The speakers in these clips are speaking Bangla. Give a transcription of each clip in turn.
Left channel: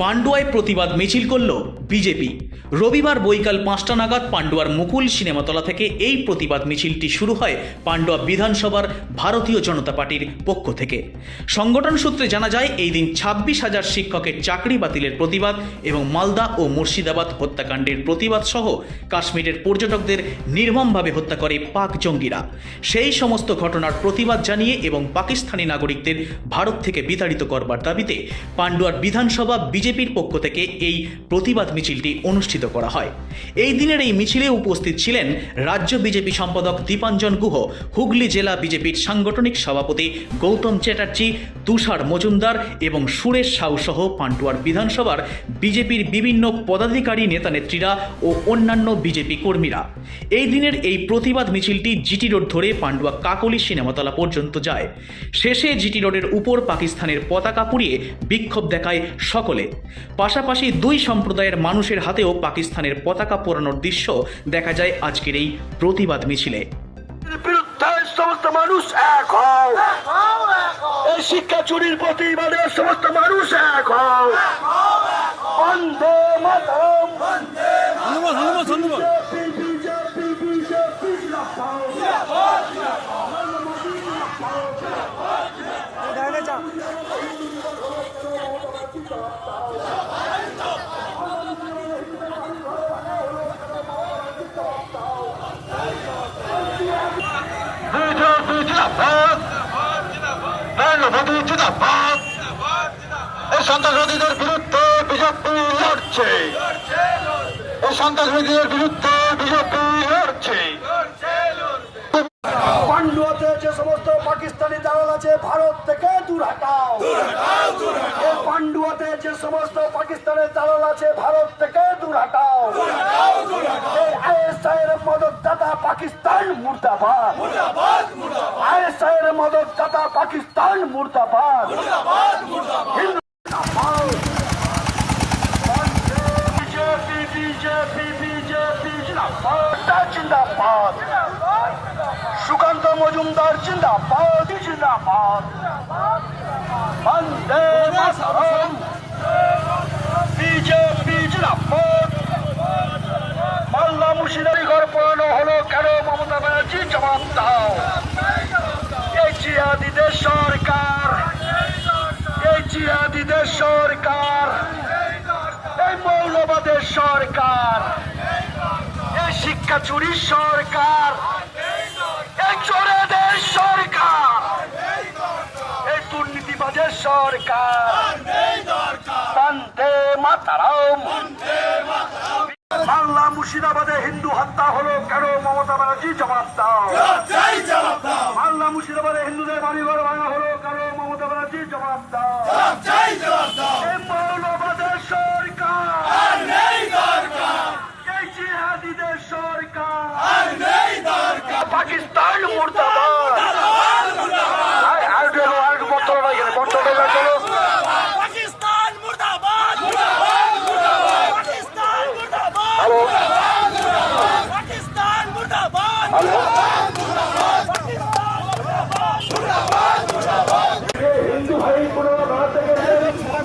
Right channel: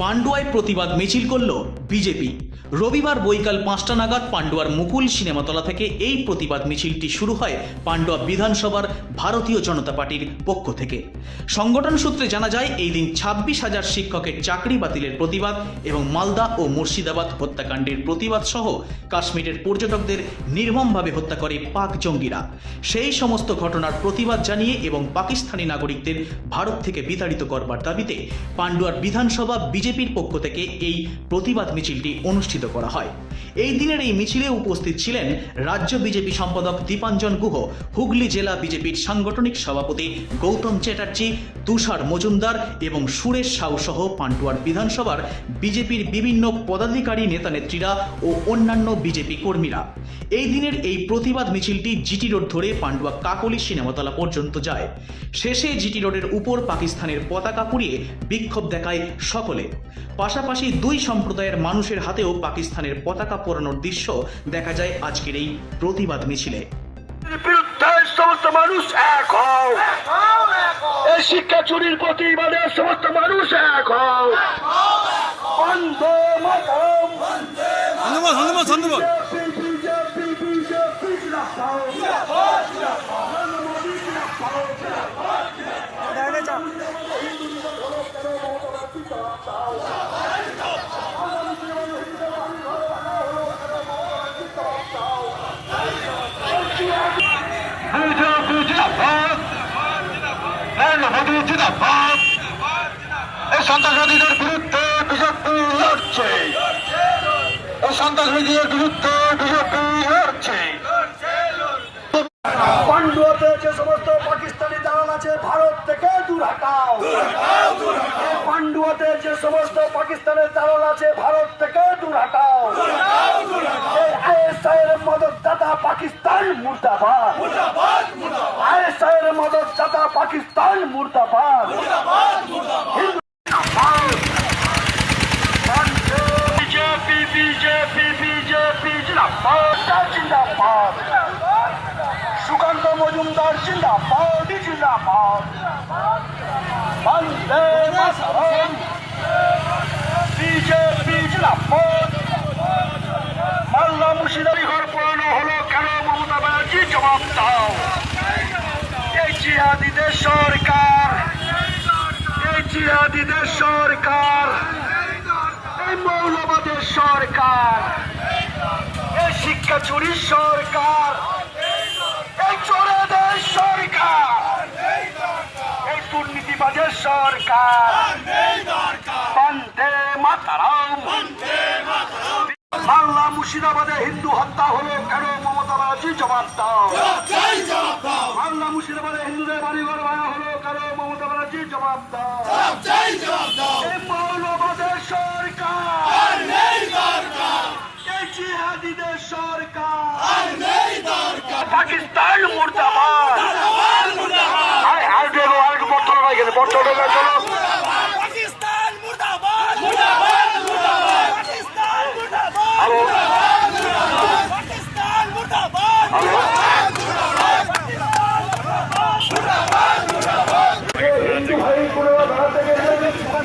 পান্ডুয়ায় প্রতিবাদ মিছিল করল বিজেপি। রবিবার বৈকাল পাঁচটা নাগাদ পান্ডুয়ার মুকুল সিনেমাতলা থেকে এই প্রতিবাদ মিছিলটি শুরু হয় পান্ডুয়া বিধানসভার ভারতীয় জনতা পার্টির পক্ষ থেকে। সংগঠন সূত্রে জানা যায়, এই দিন ছাব্বিশ হাজার শিক্ষকের চাকরি বাতিলের প্রতিবাদ এবং মালদা ও মুর্শিদাবাদ হত্যাকাণ্ডের প্রতিবাদ সহ কাশ্মীরের পর্যটকদের নির্মমভাবে হত্যা করে পাক জঙ্গিরা। সেই সমস্ত ঘটনার প্রতিবাদ জানিয়ে এবং পাকিস্তানি নাগরিকদের ভারত থেকে বিতাড়িত করবার দাবিতে পান্ডুয়ার বিধানসভা বিজেপির পক্ষ থেকে এই প্রতিবাদ মিছিলটি অনুষ্ঠিত করা হয়। এই দিনের এই মিছিলে উপস্থিত ছিলেন রাজ্য বিজেপি সম্পাদক দীপাঞ্জন গুহ, হুগলি জেলা বিজেপির সাংগঠনিক সভাপতি গৌতম চ্যাটার্জি, তুষার মজুমদার এবং সুরেশ সাউ সহ পান্ডুয়ার বিধানসভার বিজেপির বিভিন্ন পদাধিকারী নেতানেত্রীরা ও অন্যান্য বিজেপি কর্মীরা। এই দিনের এই প্রতিবাদ মিছিলটি জিটি রোড ধরে পান্ডুয়া কাকলি সিনেমাতলা পর্যন্ত যায়। শেষে জিটি রোডের উপর পাকিস্তানের পতাকা পুড়িয়ে বিক্ষোভ দেখায় সকলে। পাশাপাশি দুই সম্প্রদায়ের মানুষের হাতেও পাকিস্তানের পতাকা পোড়ানোর দৃশ্য দেখা যায় আজকের এই প্রতিবাদ মিছিলে। সমস্ত মানুষ এক হও। এই শিক্ষা চুরির প্রতিবাদে সমস্ত মানুষ এক হও। ধন্যবাদ ধন্যবাদ ধন্যবাদ। সন্ত্রাসবাদীদের বিরুদ্ধে বিজেপি লড়ছে এই সন্ত্রাসবাদীদের বিরুদ্ধে বিজেপি লড়ছে যে সমস্ত পাকিস্তানি দালাল আছে ভারত থেকে দূর হটাও পান্ডুয়াতে যে সমস্ত পাকিস্তানের দালাল আছে, ভারত থেকে দূর হটাও এই আইএসআই এর মদতদাতা পাকিস্তান মুর্দাবাদ আইএসআই এর মদতদাতা পাকিস্তান মুর্দাবাদ হিন্দু বিজেপি বিজেপি বিজেপি জিন্দাবাদ জিন্দাবাদ সুকান্ত মজুমদার জিন্দাবাদ জিন্দাবাদ বন্দে মাতরম বিজেপি জিন্দাবাদ মাল্লা মুর্শিদাবাদী ঘর পড়ানো হলো কেন মমতা ব্যানার্জি জবাব দাও। এই জিহাদিদের সরকার এই জিহাদিদের সরকার এই মৌলবাদের সরকার এই শিক্ষা চুরির সরকার এই চোরেদের সরকার এই দুর্নীতিবাজের সরকার। বন্দে মাতারাম। বাংলা মুর্শিদাবাদে হিন্দু হত্যা হলো কেন? মমতা ব্যানার্জি জবাব দাও। বাংলা মুর্শিদাবাদে হিন্দুদের বাড়ি ঘর ভাঙা হলো কেন? মমতা ব্যানার্জি জবাব দাও। মৌলবাদের সরকার এই জিহাদিদের সরকার পাকিস্তান মুর্দাবাদ আর- আর গেলো, আর একটু বর্তমান না গেলে, বর্তমান না গেলো। পাকিস্তান মুর্দাবাদ মুর্দাবাদ মুর্দাবাদ পাকিস্তান মুর্দাবাদ হ্যালো, পাকিস্তান মুর্দাবাদ হ্যালো। হিন্দু ভাই কোনো দাঁড়াতে গেলে পাকিস্তান পাকিস্তান পাকিস্তান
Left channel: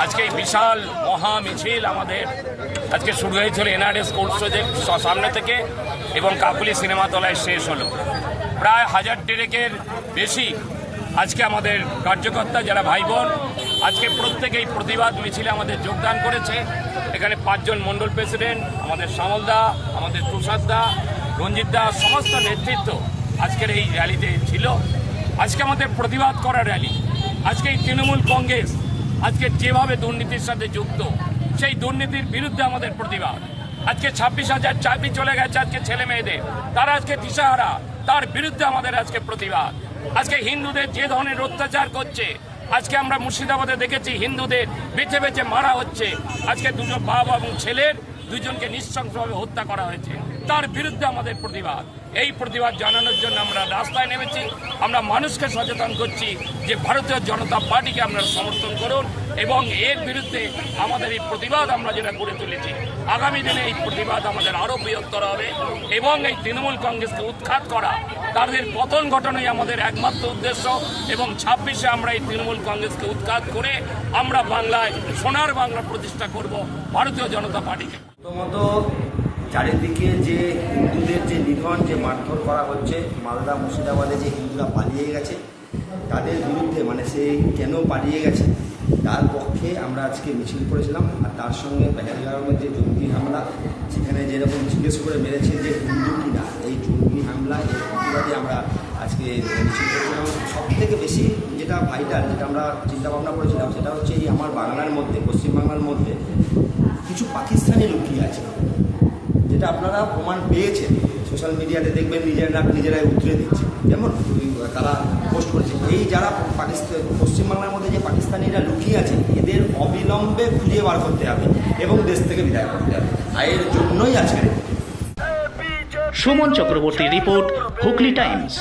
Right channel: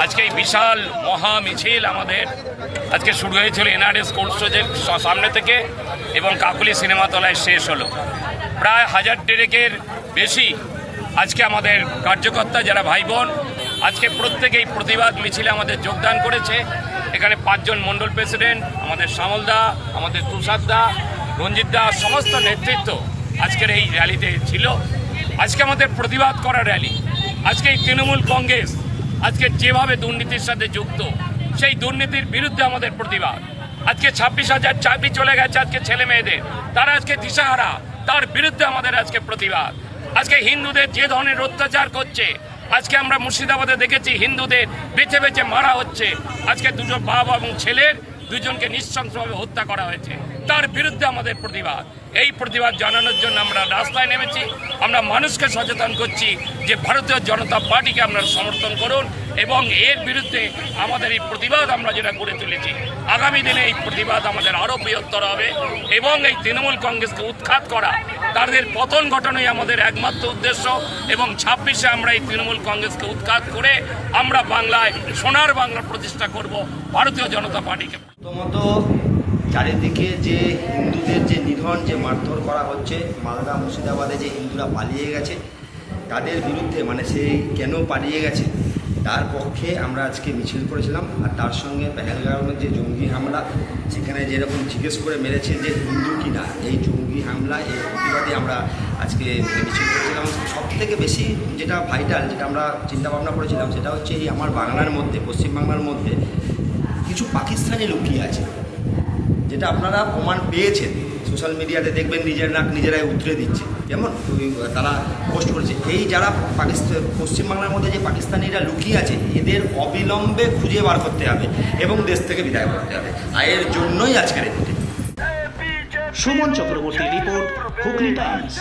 আজকে এই বিশাল মহা মিছিল আমাদের আজকে শুরু হয়েছিল এনআরএস কোল্ড স্টোরেজের স- সামনে থেকে এবং কাকুলি সিনেমাতলায় শেষ হলো। প্রায় হাজার ডেরেকের বেশি আজকে আমাদের কার্যকর্তা যারা ভাই বোন আজকে প্রত্যেকেই প্রতিবাদ মিছিলে আমাদের যোগদান করেছে। এখানে পাঁচজন মণ্ডল প্রেসিডেন্ট, আমাদের শ্যামলদা আমাদের তুষার দা, রঞ্জিত দা, সমস্ত নেতৃত্ব আজকের এই র্যালিতে ছিল। আজকে আমাদের প্রতিবাদ করা র্যালি। আজকে এই তৃণমূল কংগ্রেস আজকে যেভাবে দুর্নীতির সাথে যুক্ত, সেই দুর্নীতির বিরুদ্ধে আমাদের প্রতিবাদ। আজকে ছাব্বিশ হাজার চাকরি চলে গেছে আজকে ছেলে মেয়েদের। তারা আজকে দিশাহারা, তার বিরুদ্ধে আমাদের আজকে প্রতিবাদ। আজকে হিন্দুদের যে ধরনের অত্যাচার করছে, আজকে আমরা মুর্শিদাবাদে দেখেছি হিন্দুদের বেছে বেছে মারা হচ্ছে। আজকে দুটো বাবা এবং ছেলের দুজনকে নৃশংসভাবে হত্যা করা হয়েছে। তার বিরুদ্ধে আমাদের প্রতিবাদ। এই প্রতিবাদ জানানোর জন্য আমরা রাস্তায় নেমেছি। আমরা মানুষকে সচেতন করছি যে ভারতীয় জনতা পার্টিকে আপনারা সমর্থন করুন এবং এর বিরুদ্ধে আমাদের এই প্রতিবাদ আমরা যেটা গড়ে তুলেছি। আগামী দিনে এই প্রতিবাদ আমাদের আরও বৃহত্তর হবে এবং এই তৃণমূল কংগ্রেসকে উৎখাত করা তাদের পতন ঘটানোই আমাদের একমাত্র উদ্দেশ্য এবং ছাব্বিশে আমরা এই তৃণমূল কংগ্রেসকে উৎখাত করে আমরা বাংলায় সোনার বাংলা প্রতিষ্ঠা করব ভারতীয় জনতা পার্টিকে। প্রথমত চারিদিকে যে হিন্দুদের যে নিধন, যে মারধর করা হচ্ছে, মালদা, মুর্শিদাবাদে যে হিন্দুরা পালিয়ে গেছে, তাদের বিরুদ্ধে মানে সে কেন পালিয়ে গেছে, তার পক্ষে আমরা আজকে মিছিল করেছিলাম। আর তার সঙ্গে পেহেলগাঁওয়ের যে জঙ্গি হামলা, সেখানে যেরকম জিজ্ঞেস করে মেরেছে যে হিন্দু কিনা, এই জঙ্গি হামলা এই প্রতিবাদে আমরা আজকে মিছিল করেছিলাম সব থেকে বেশি যেটা ভাইটাল যেটা আমরা চিন্তা ভাবনা করেছিলাম, সেটা হচ্ছে এই আমার বাংলার মধ্যে, পশ্চিমবাংলার মধ্যে কিছু পাকিস্তানি লুকিয়ে আছে, যেটা আপনারা প্রমাণ পেয়েছেন। সোশ্যাল মিডিয়াতে দেখবেন নিজেরা নিজেরাই উতরে দিচ্ছে, যেমন তারা পোস্ট করেছে। এই যারা পাকিস্তান পশ্চিমবাংলার মধ্যে যে পাকিস্তানিরা লুকিয়ে আছে, এদের অবিলম্বে খুঁজে বার করতে হবে এবং দেশ থেকে বিদায় করতে হবে। আর এর জন্যই আজকের এই সুমন চক্রবর্তী রিপোর্ট হুগলি টাইমস।